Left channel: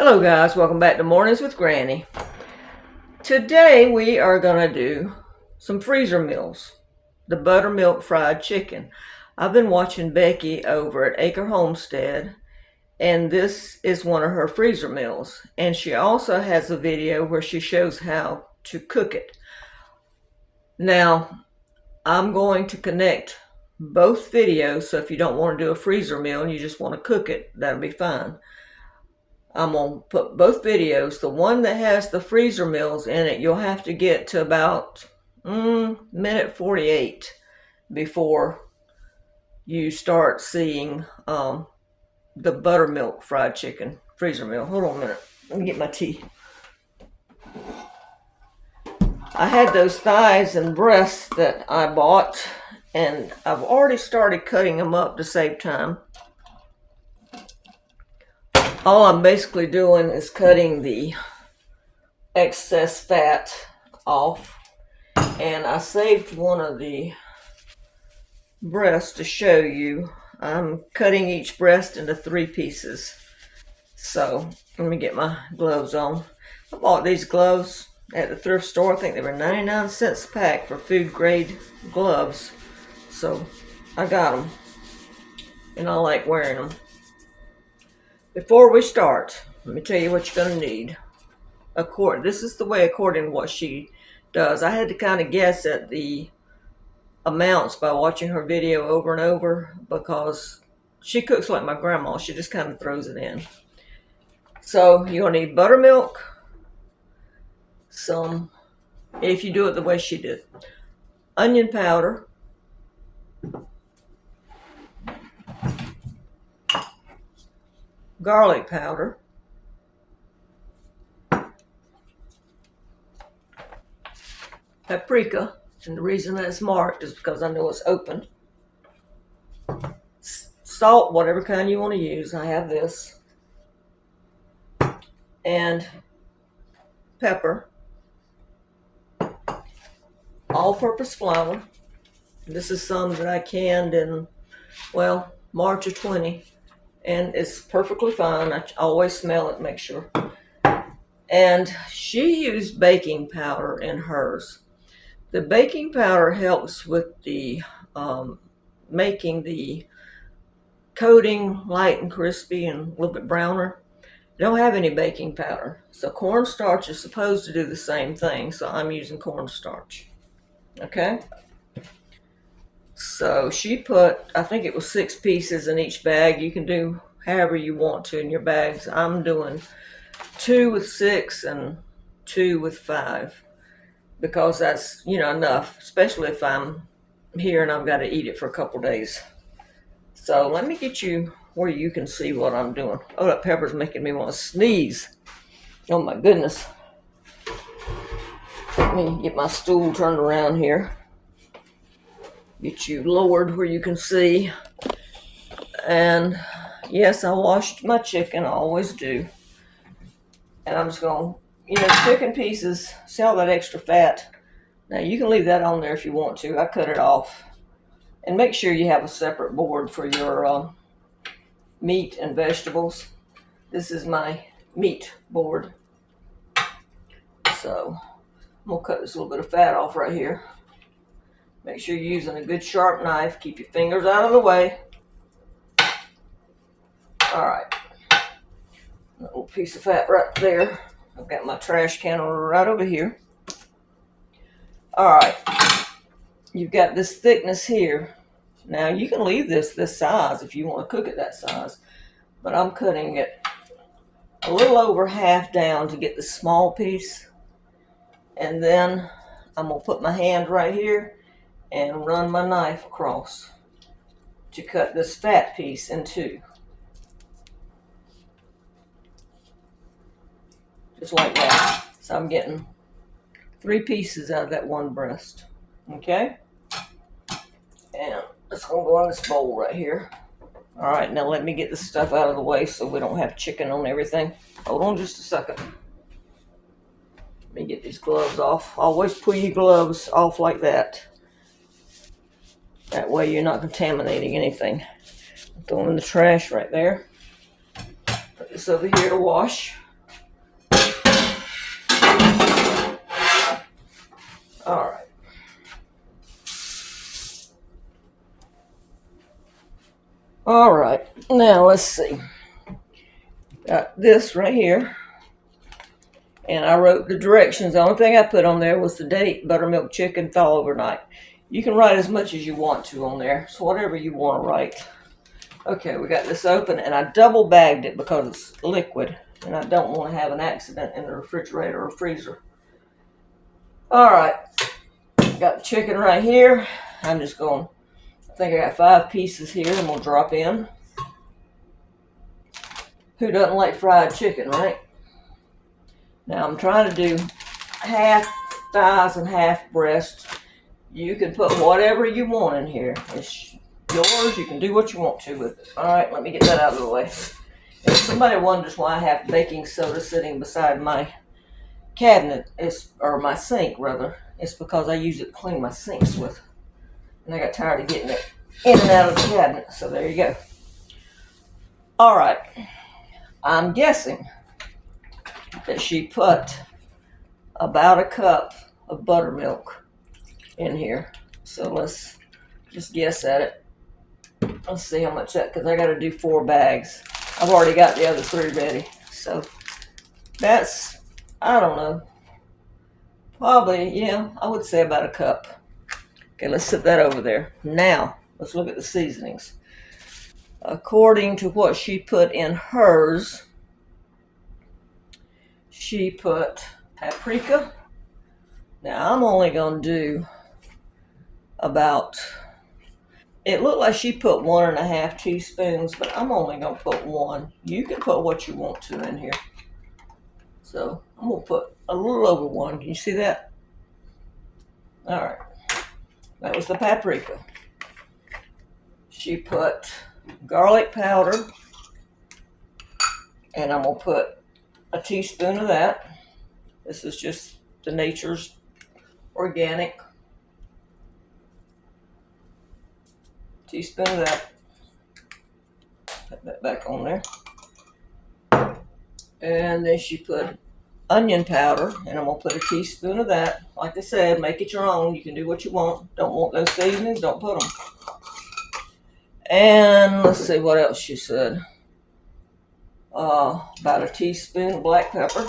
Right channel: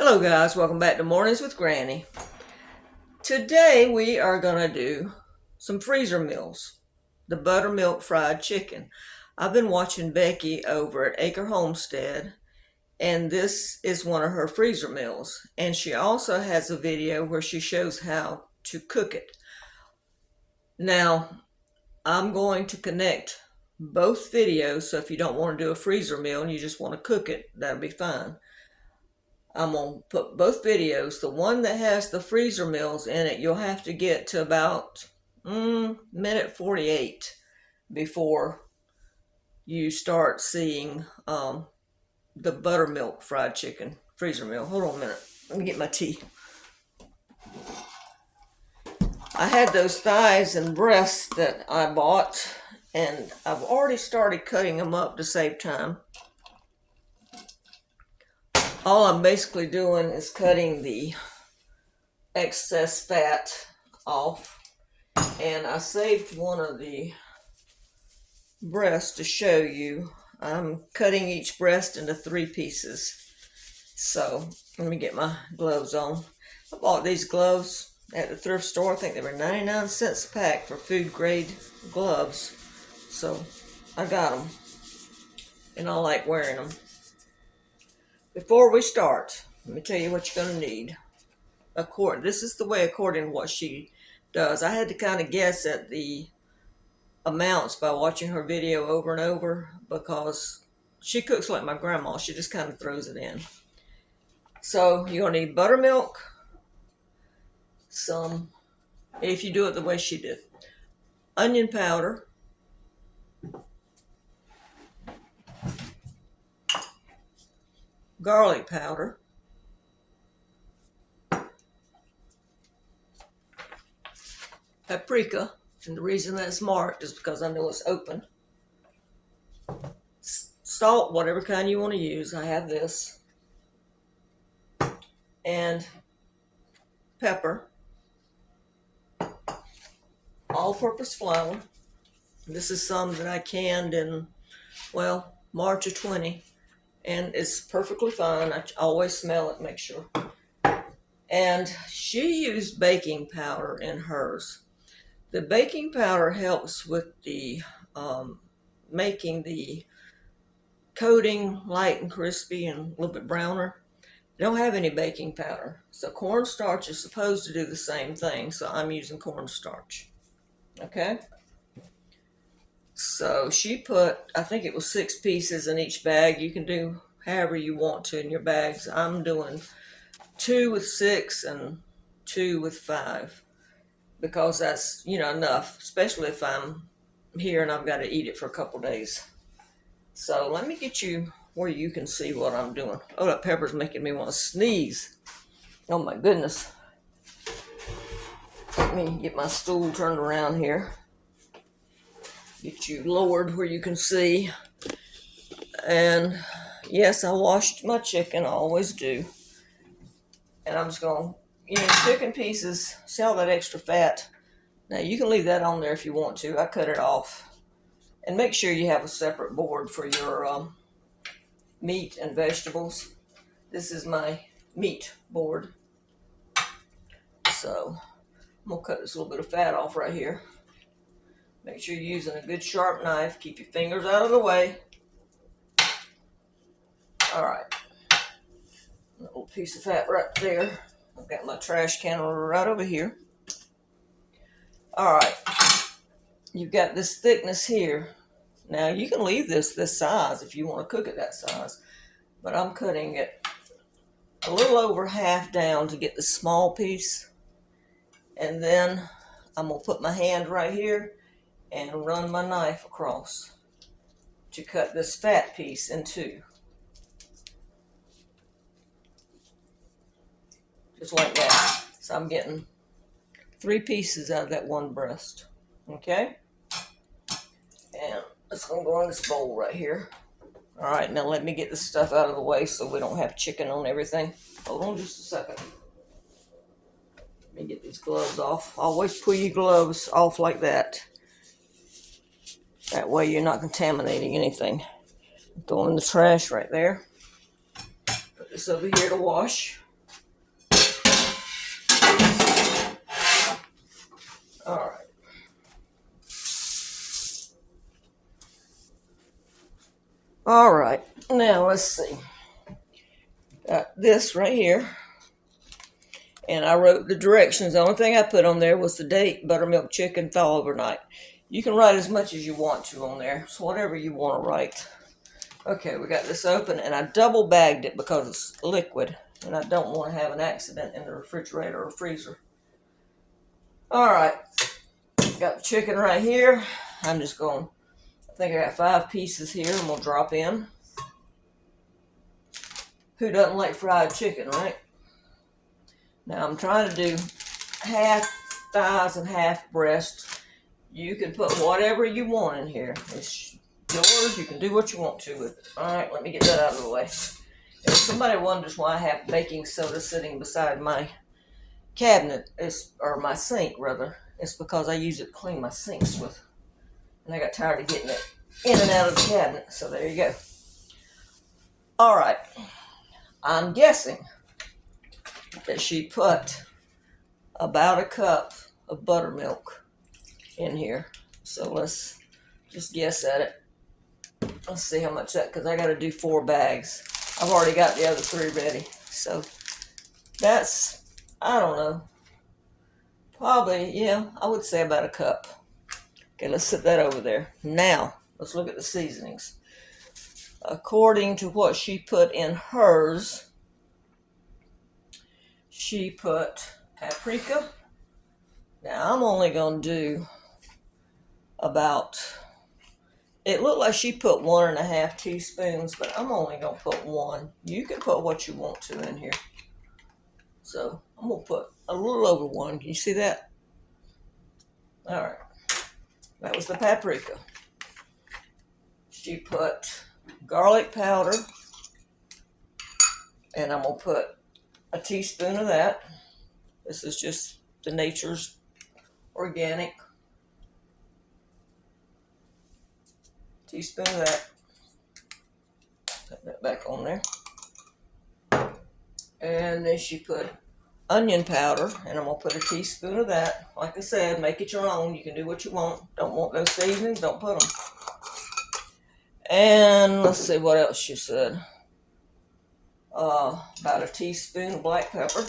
Hello guys, welcome back to Mornings with Granny. Today we are going to do some freezer meals. The buttermilk fried chicken. I've been watching Becky over at Acre Homestead, and this is one of her freezer meals. And she also has a video where she shows how to cook it. Now, I'm going to connect both videos, so if you don't want to do a freezer meal and you just want to cook it, that'll be fine. I'm going to put both videos. The one that has the freezer meals in it, you'll have to get to about minute 48 before you start seeing the buttermilk fried chicken freezer meal. Hold on a minute. Let me get my tea. I had those thighs and breasts that I bought, and I've already started cutting them up to save time. All I'm basically doing is cutting the excess fat off, and I saved one of the breasts to show you. I'm cutting each breast into 3 pieces. So let me get my gloves on. I bought these gloves at the thrift store. I think they were 99 cents a pack for food grade gloves. So I got them, and I like wearing them. Before we start, let me tell you what you're going to need. This is the way according to what she does. I had to kind of guess at the amounts by watching her video over and over, because she cooks like my grandma. She just kind of throws it in. So you're going to need buttermilk, if you do it the way she did, onion powder, garlic powder, paprika, and the reason that's marked is because I know it's open, salt, whatever kind you want to use. I have this, and pepper, all-purpose flour. This is some that I canned in, March of 20, and it's perfectly fine. I always smell it, make sure. And she used baking powder in hers. The baking powder helps with the making the coating light and crispy and a little bit browner. I don't have any baking powder, so cornstarch is supposed to do the same thing, so I'm using cornstarch. Okay, so she put, I think it was 6 pieces in each bag. You can do however you want to in your bags. I'm doing 2 with 6 and 2 with 5, because that's enough, especially if I'm here and I've got to eat it for a couple days. So let me get you where you can see what I'm doing. Oh, that pepper's making me want to sneeze. Oh my goodness. Let me get my stool turned around here. Get you lowered where you can see. And yes, I washed my chicken. I always do. And I'm just going to, chicken pieces, see all that extra fat. Now you can leave that on there if you want to. I cut it off. And make sure you have a separate board for your meat and vegetables. This is my meat board. So I'm going to cut this little bit of fat off right here. Make sure you're using a good sharp knife. Keep your fingers out of the way. Alright. A little piece of fat right there. I've got my trash can right over here. Alright. You've got this thickness here. Now you can leave this size if you want to cook it that size. But I'm cutting it a little over half down to get the small piece. And then I'm going to put my hand right here and run my knife across to cut this fat piece in 2. Just like that. So I'm getting 3 pieces out of that one breast. Okay? And it's going to go in this bowl right here. Alright, now let me get this stuff out of the way so we don't have chicken on everything. Hold on just a second. Let me get these gloves off. Always pull your gloves off like that. That way you're not contaminating anything. I'm throwing the trash right there. Put this over here to wash. All right, now let's see. Got this right here. And I wrote the directions. The only thing I put on there was the date, buttermilk chicken thaw overnight. You can write as much as you want to on there, so whatever you want to write. Okay, we got this open, and I double bagged it because it's liquid, and I don't want to have an accident in the refrigerator or freezer. All right, got the chicken right here. I'm just going, I think I got 5 pieces here. I'm going to drop in. Who doesn't like fried chicken, right? Now I'm trying to do half thighs and half breast. You can put whatever you want in here. It's yours. You can do what you want to with it. All right, let me get that out of the way. If somebody wonders why I have baking soda sitting beside my cabinet, or my sink rather, it's because I use it to clean my sinks with. And I got tired of getting it in and out of the cabinet. So there you go. All right. I'm guessing that she put about a cup of buttermilk in here. So let's just guess at it. Let's see how much that, because I got to do 4 bags. I've already got the other 3 ready. So that's, I don't know, probably, yeah, I would say about a cup. Okay, let's set that over there. Now, let's look at the seasonings. According to what she put in hers, she put paprika. Now, I'm only going to do about, it looked like she put 1.5 teaspoons, but I'm only going to put 1. You can put what you want to in here. So, I'm going to put a little over 1. Can you see that? All right. That was the paprika. She put garlic powder, and I'm going to put a teaspoon of that. This is just the Nature's Organic. Teaspoon of that. Put that back on there. And then she put onion powder, and I'm going to put a teaspoon of that. Like I said, make it your own. You can do what you want. Don't want those seasonings, don't put them. And let's see what else she said. About a teaspoon of black pepper.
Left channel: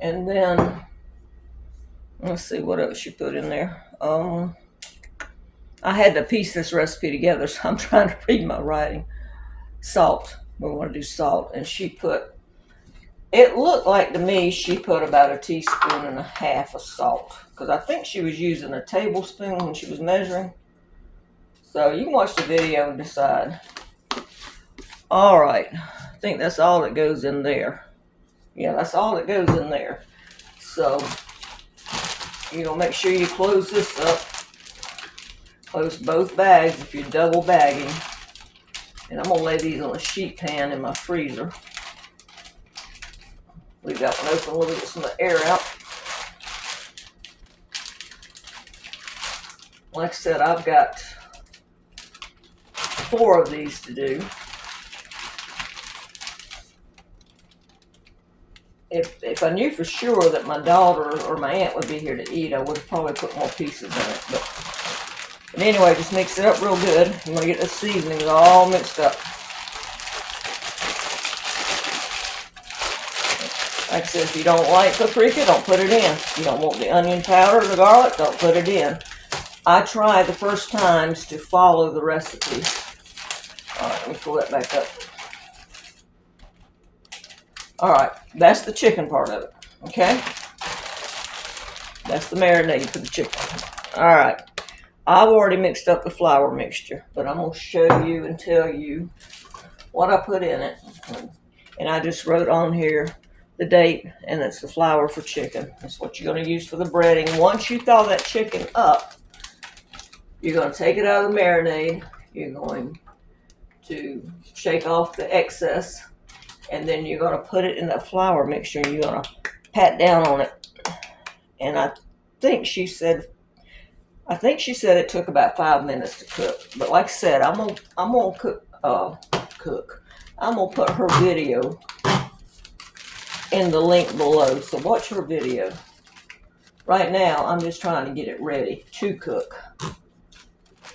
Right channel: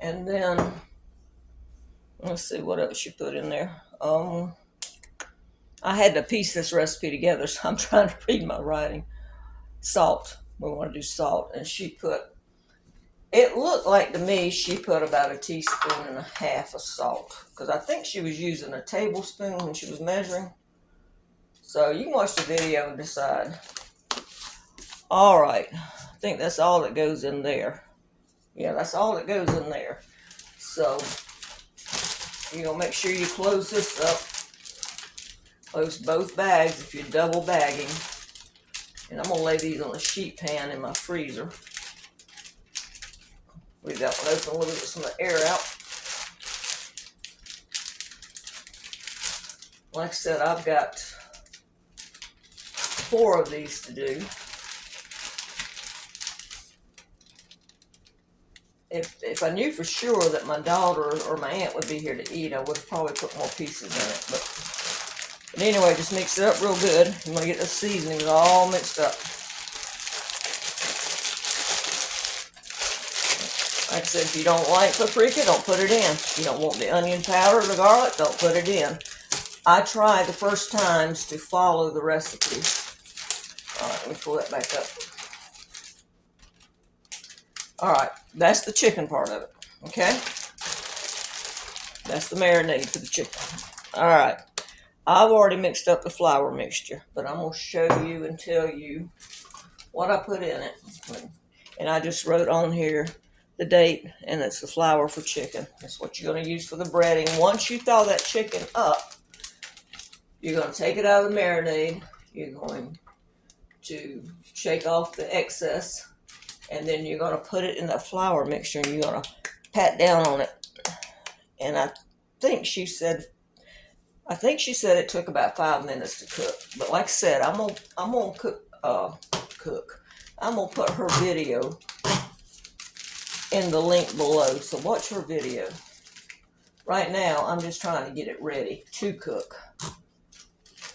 And then, let's see what else she put in there. I had to piece this recipe together, so I'm trying to read my writing. Salt. We want to do salt. And she put, it looked like to me she put about a teaspoon and a half of salt, because I think she was using a tablespoon when she was measuring. So you can watch the video and decide. All right. I think that's all that goes in there. Yeah, that's all that goes in there. So you're going to make sure you close this up. Close both bags if you're double bagging. And I'm going to lay these on a sheet pan in my freezer. Leave that one open a little bit, get some of the air out. Like I said, I've got 4 of these to do. If I knew for sure that my daughter or my aunt would be here to eat, I would have probably put more pieces in it. But anyway, just mix it up real good. You want to get the seasonings all mixed up. Like I said, if you don't like paprika, don't put it in. If you don't want the onion powder or the garlic, don't put it in. I try the first times to follow the recipe. All right, let me pull that back up. All right, that's the chicken part of it, okay? That's the marinade for the chicken. All right, I've already mixed up the flour mixture, but I'm going to show you and tell you what I put in it. And I just wrote on here the date, and it's the flour for chicken. That's what you're going to use for the breading. Once you thaw that chicken up, you're going to take it out of the marinade. You're going to shake off the excess, and then you're going to put it in that flour mixture, and you're going to pat down on it. And I think she said it took about 5 minutes to cook. But like I said, I'm gonna cook. I'm gonna put her video in the link below. So watch her video. Right now, I'm just trying to get it ready to cook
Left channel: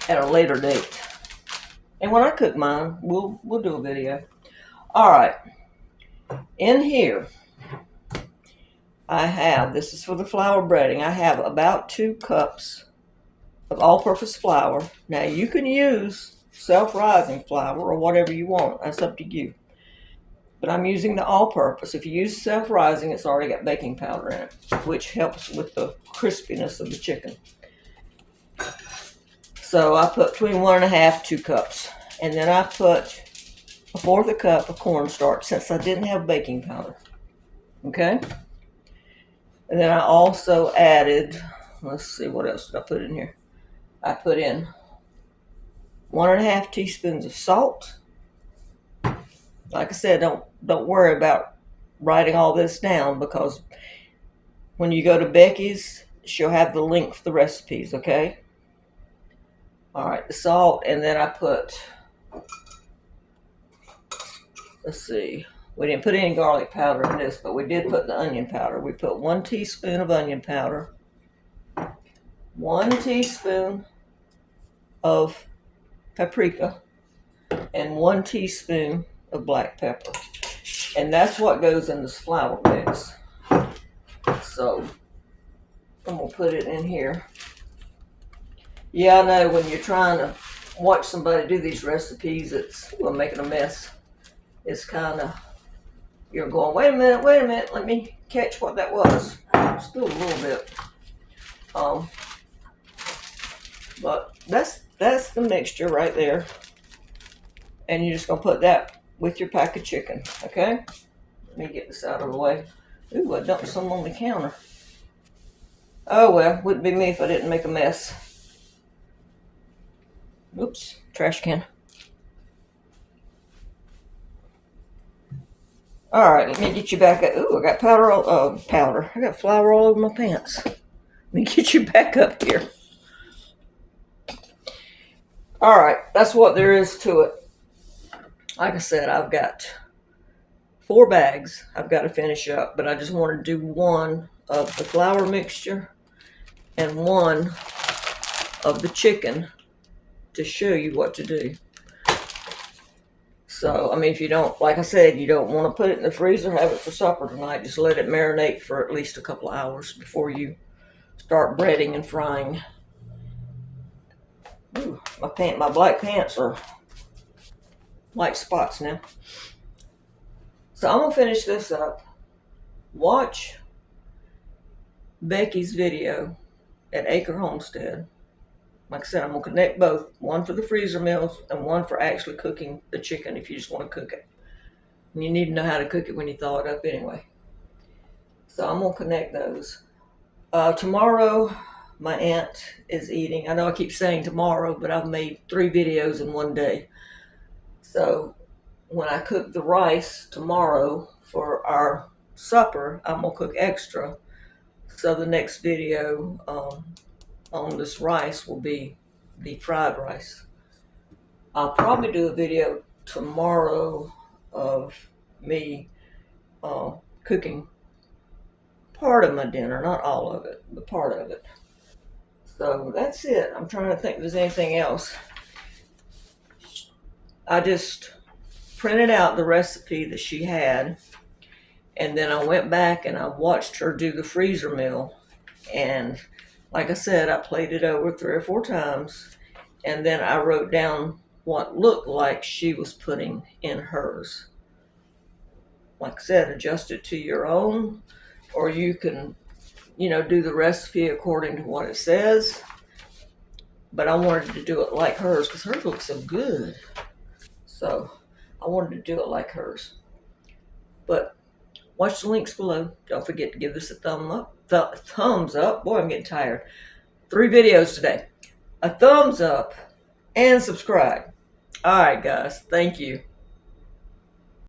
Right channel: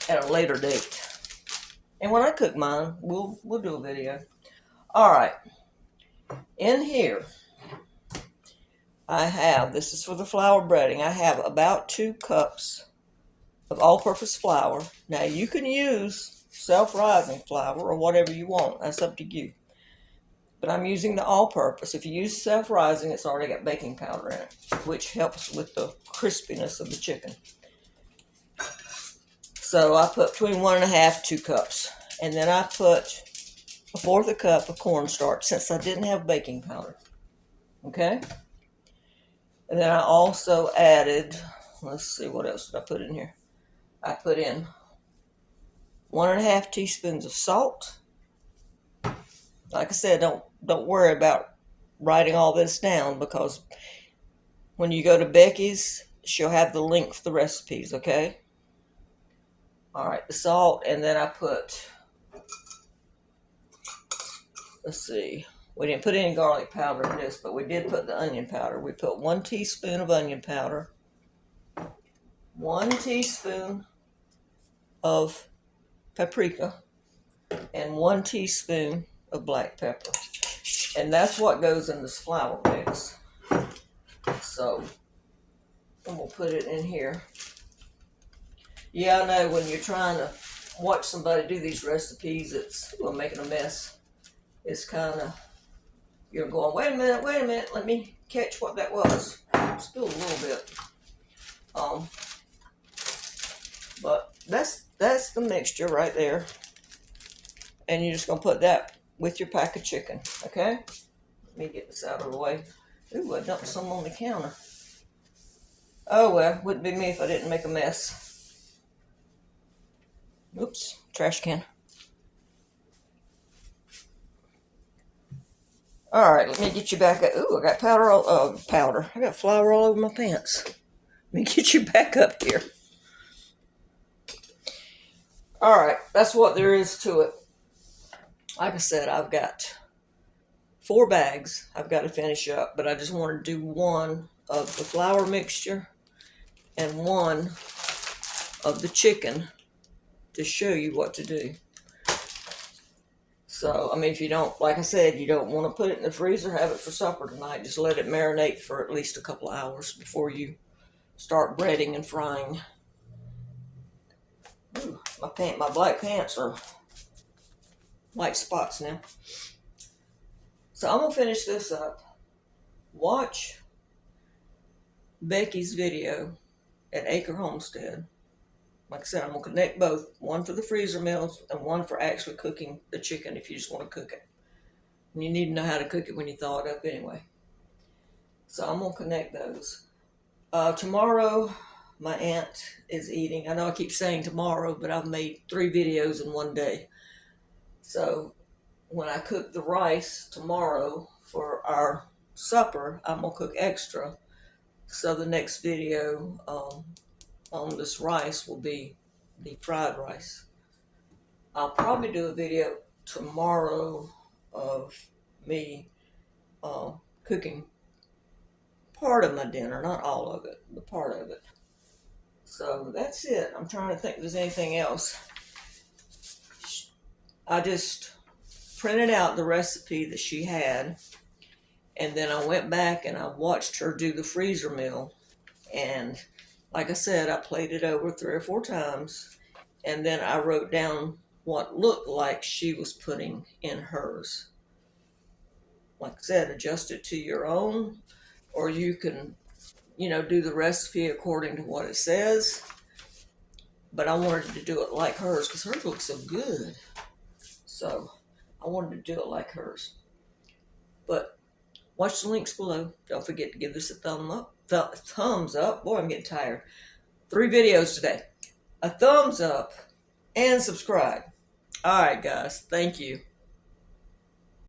at a later date. And when I cook mine, we'll do a video. All right. In here, I have, this is for the flour breading, I have about 2 cups of all-purpose flour. Now, you can use self-rising flour or whatever you want. That's up to you. But I'm using the all-purpose. If you use self-rising, it's already got baking powder in it, which helps with the crispiness of the chicken. So I put between 1.5 2 cups. And then I put 1/4 cup of cornstarch since I didn't have baking powder. Okay? And then I also added, let's see, what else did I put in here? I put in 1.5 teaspoons of salt. Like I said, don't worry about writing all this down, because when you go to Becky's, she'll have the link for the recipes, okay? All right, the salt, and then I put, let's see, we didn't put any garlic powder in this, but we did put the onion powder. We put 1 teaspoon of onion powder, 1 teaspoon of paprika, and 1 teaspoon of black pepper. And that's what goes in this flour mix. So I'm gonna put it in here. Yeah, I know when you're trying to watch somebody do these recipes, it's making a mess. It's kind of, you're going, wait a minute, let me catch what that was. Still a little bit. But that's the mixture right there. And you're just gonna put that with your pack of chicken, okay? Let me get this out of the way. Ooh, I dumped some on the counter. Oh well, wouldn't be me if I didn't make a mess. Oops, trash can. All right, let me get you back up. Ooh, I got powder. I got flour all over my pants. Let me get you back up here. All right, that's what there is to it. Like I said, I've got 4 bags I've got to finish up, but I just want to do 1 of the flour mixture and 1 of the chicken to show you what to do. So, I mean, if you don't, like I said, you don't want to put it in the freezer, have it for supper tonight. Just let it marinate for at least a couple of hours before you start breading and frying. Ooh, my black pants are like spots now. So I'm gonna finish this up. Watch Becky's video at Acre Homestead. Like I said, I'm gonna connect both. 1 for the freezer meals and 1 for actually cooking the chicken if you just want to cook it. And you need to know how to cook it when you thaw it up anyway. So I'm gonna connect those. Tomorrow, my aunt is eating. I know I keep saying tomorrow, but I've made 3 videos in 1 day. So when I cook the rice tomorrow for our supper, I'm gonna cook extra. So the next video on this rice will be the fried rice. I'll probably do a video tomorrow of me cooking part of my dinner, not all of it, but part of it. So that's it. I'm trying to think if there's anything else. I just printed out the recipe that she had, and then I went back and I watched her do the freezer meal. And like I said, I played it over 3 or 4 times, and then I wrote down what looked like she was putting in hers. Like I said, adjust it to your own, or you can, do the recipe according to what it says. But I wanted to do it like hers because hers looks so good. So I wanted to do it like hers. But watch the links below. Don't forget to give this a thumbs up. Boy, I'm getting tired. 3 videos today. A thumbs up and subscribe. All right, guys. Thank you.